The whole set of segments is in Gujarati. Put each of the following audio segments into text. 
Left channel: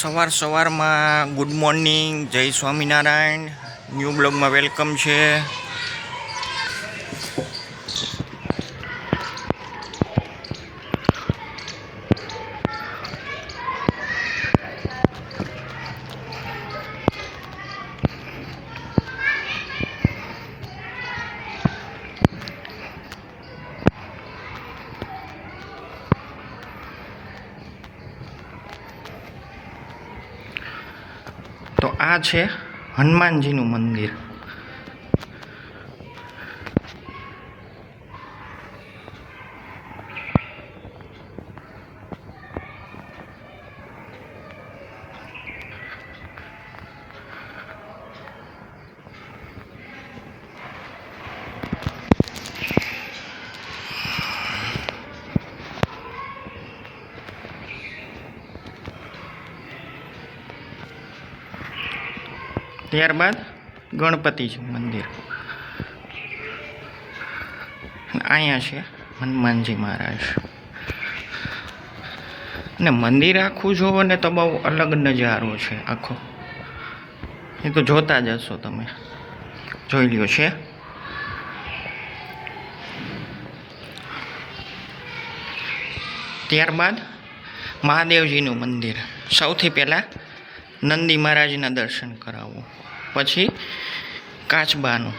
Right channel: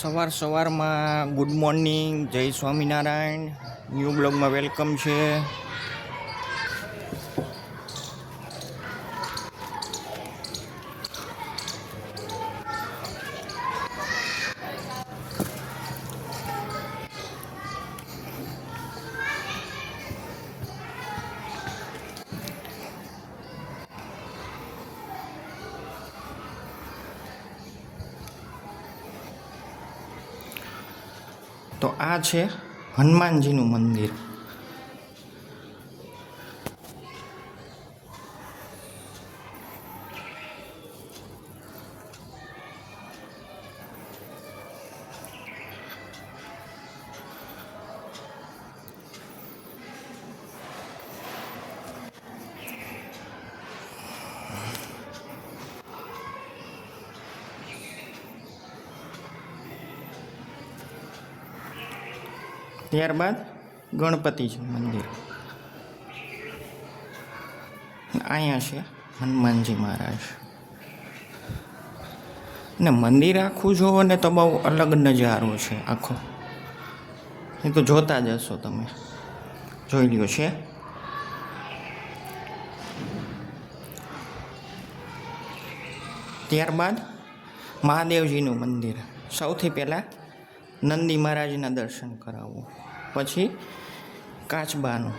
સવાર સવારમાં ગુડ મોર્નિંગ જય સ્વામિનારાયણ. ન્યૂ બ્લોગમાં વેલકમ છે. આ છે હનુમાનજીનું મંદિર. ત્યારબાદ ગણપતિજી મંદિર. અહીંયા છે હનુમાનજી મહારાજ. અને મંદિર આખું જોવો ને તો બહુ અલગ નજારો છે આખો. એ તો જોતા જ હશો તમે. જોઈ લ્યો છે. ત્યારબાદ મહાદેવજીનું મંદિર. સૌથી પહેલાં નંદી મહારાજના દર્શન કરાવવું પછી કાચબાનું.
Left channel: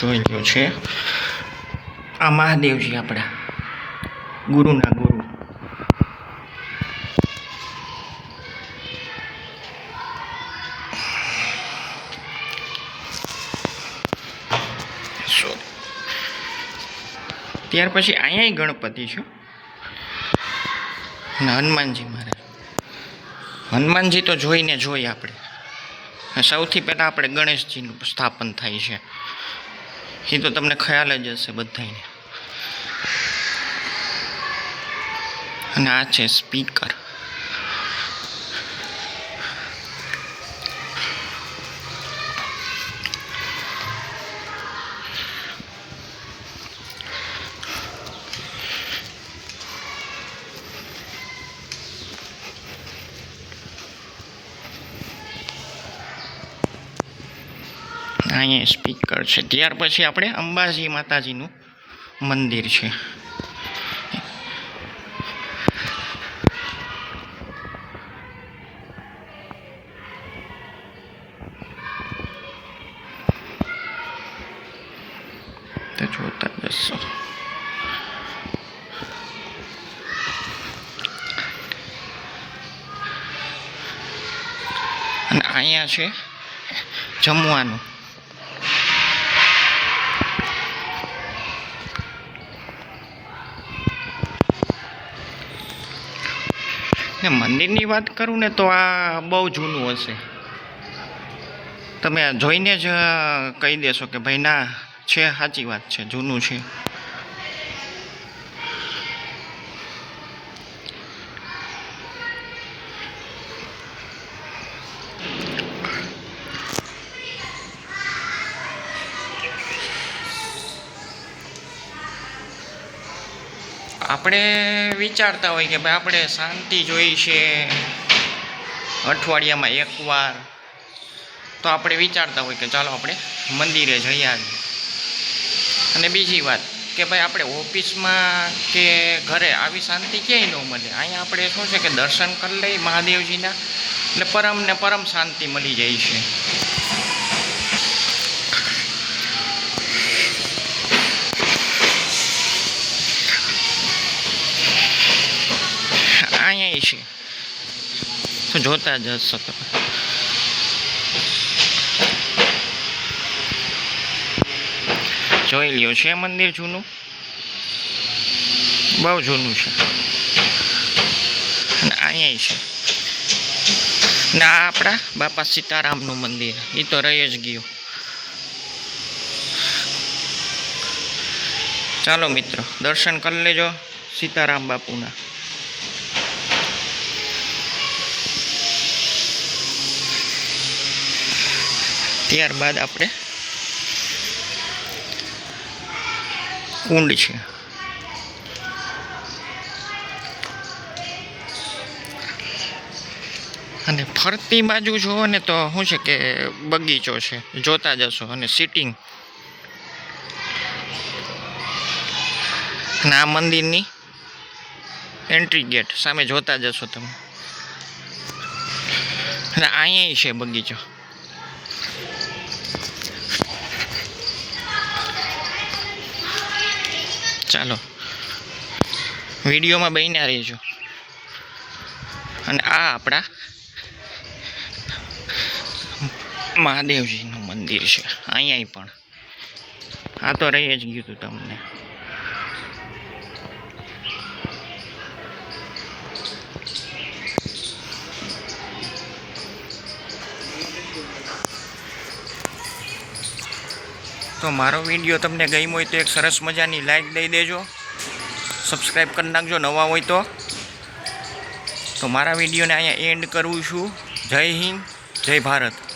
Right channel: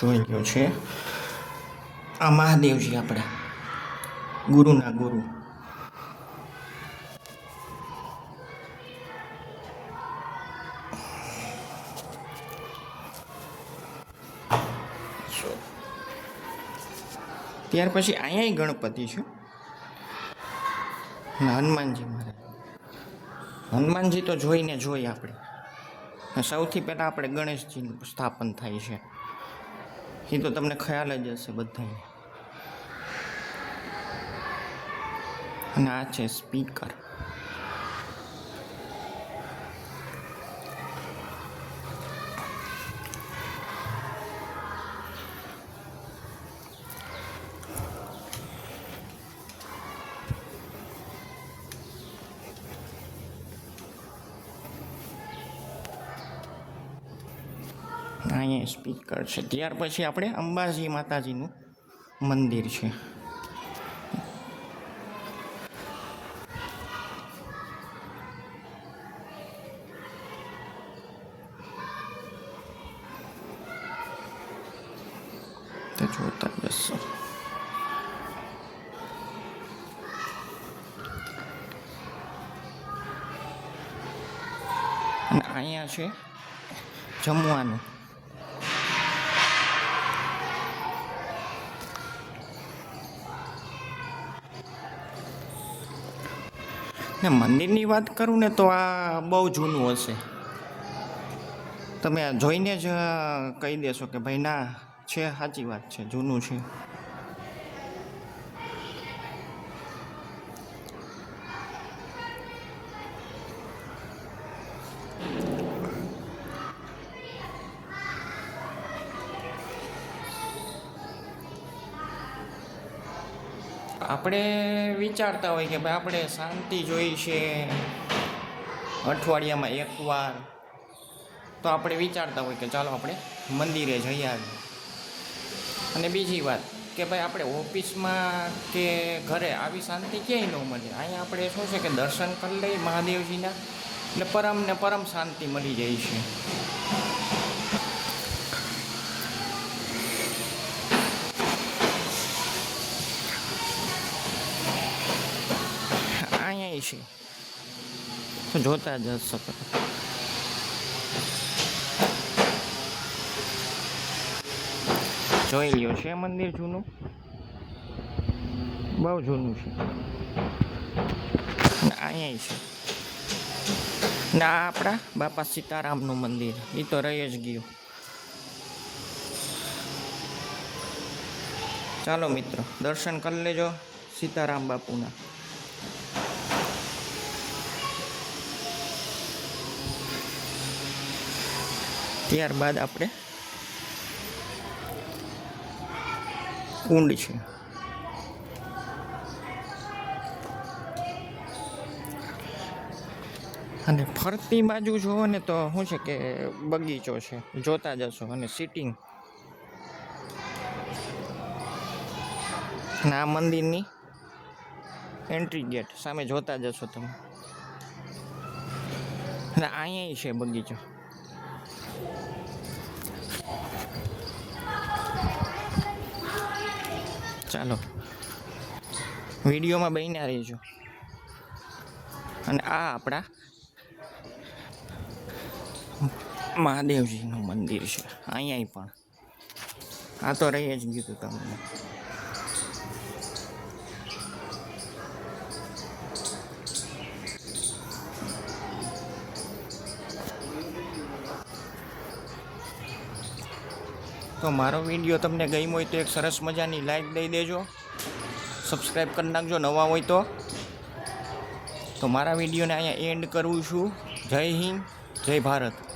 જોઈ લ્યો છે. આ મહાદેવજી આપણા. ગુરુના ગુરુ. ત્યાર પછી અહીંયા ગણપતિ છે. અને હનુમાનજી મહારાજ હનુમાનજી તો જોઈને જોઈ આપણે. સૌથી પહેલાં આપણે ગણેશજીનું સ્થાપન થાય છે. એ તો તમને ખ્યાલ જ હશે બધાને અને આ છે સ્પીકર. અહીંયા સ્પીકર છે. ત્યાર પછી આપણે અંબાજી માતાજીનું મંદિર છે. જોતા જશો. અને અહીંયા છે જમવાનું. ને મંદિરની વાત કરું ને તો આ બહુ જૂનું હશે. તમે જોઈને જ કહી દેશો કે ભાઈ ના, છે સાચી વાત છે, જૂનું છે. આપણે વિચારતા હોય કે ભાઈ આપણે શાંતિ જોઈ છે અઠવાડિયામાં એકવાર. તો આપણે વિચારતા હોય કે ચાલો આપણે મંદિરે જઈ આવીએ. અને બીજી વાત કે ભાઈ આપણે ઓફિસમાં કે ઘરે આવી શાંતિ ક્યાંય ન મળે. અહીંયા આપણે શું છે કે દર્શન કરી લઈ મહાદેવજીના. એટલે પરમ ને પરમ શાંતિ મળી જાય છે. અહીંયા છે. તો જોતા જ તમે. જોઈ લ્યો, છે મંદિર જૂનું? બહુ જૂનું છે. અને અહીંયા છે. ને આ આપણા બાપા સીતારામનું મંદિર એ તો રહી જ ગયું. ચાલો મિત્રો, દર્શન કરી લેજો સીતારામ બાપુના. ત્યારબાદ આપણે કુંડ છે. અને ફરતી બાજુ જુઓ ને તો શું છે કે બગીચો છે. જોતા જશો અને સિટિંગ અને આ મંદિરની એન્ટ્રી ગેટ સામે જોતા જશો તમે. અને અહીંયા છે બગીચો. ચાલો. વિડીયોમાં બન્યા રહેજો. અને આ આપણા મહાદેવજીનું મંદિર છે. અહીંયા પણ. આ તો રહી જ ગયું હતું તમને. તો મારો વીડિયો તમને ગમ્યો હોય તો એક સરસ મજાની લાઈક દઈ દેજો. સબસ્ક્રાઈબ કરી નાખજો નવા હોય તો. તો મારા વિડીયોને અહીંયા એન્ડ કરું છું. જય હિન્દ, જય ભારત.